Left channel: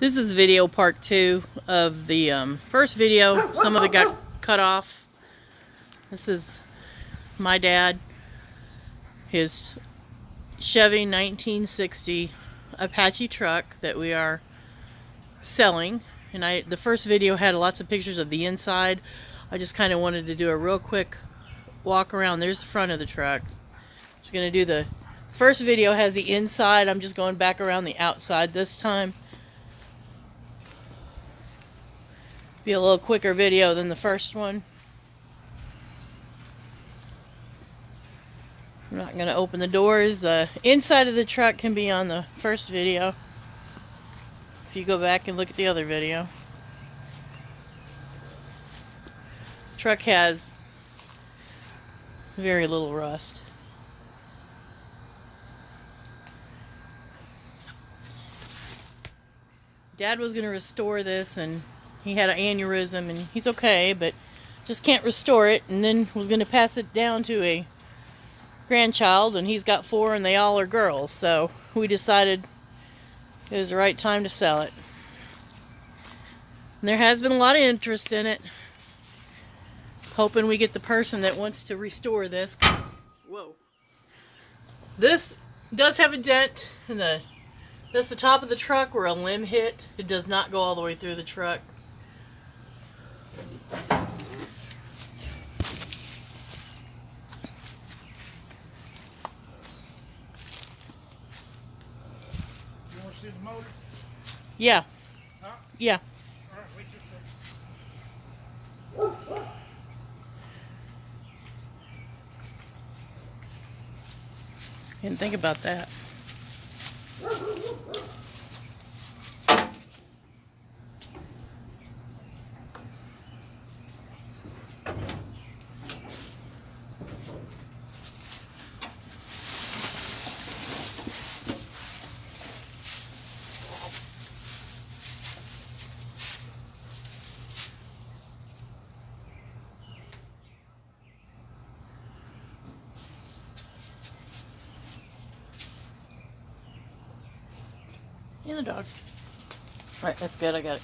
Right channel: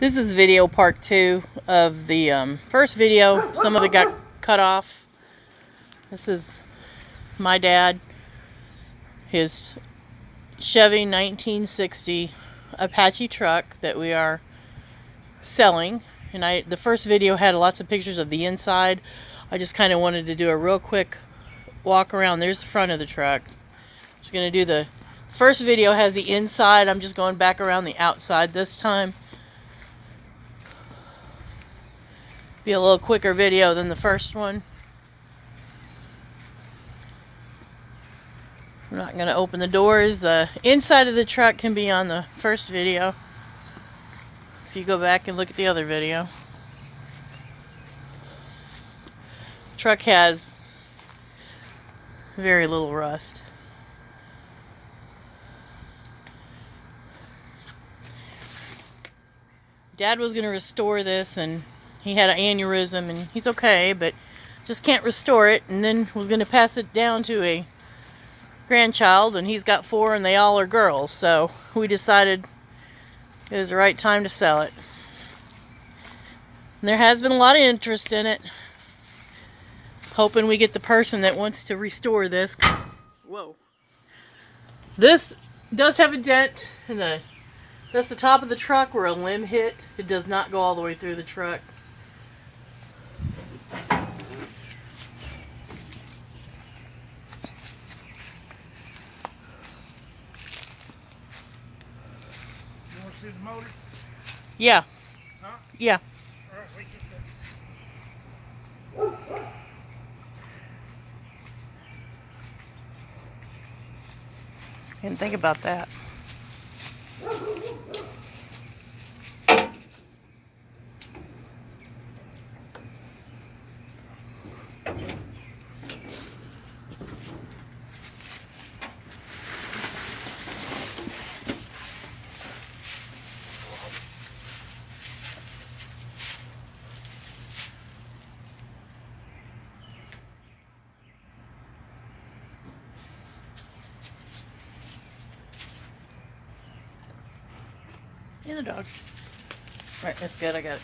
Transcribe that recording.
This is video part 2 of the first video. Some of it got cut off. This is my dad, his Chevy 1960 Apache truck that we are selling. And the first video had lots of pictures of the inside. I just kind of wanted to do a real quick walk around. There's the front of the truck. I'm just going to do the first video has the inside. I'm just going back around the outside this time. Be a little quicker video than the first one. I'm not going to open the doors. The inside of the truck can be on the first video if you go back and look at the other video. The truck has very little rust. Dad was going to restore this, and he had an aneurysm, and he's okay, but just can't restore it, and then was going to pass it down to a grandchild, and he's got 4, and they all are girls, so we decided it was the right time to sell it. And there has been a lot of interest in it. Hoping we get the person that wants to restore this. Whoa. This does have a dent in that's the top of the truck where a limb hit. It does not go all the way through the truck. You want to see the motor? Yeah. Huh? Yeah. All right, wait just a second. Didn't think about that. And the dog. Right, that's good, I got it.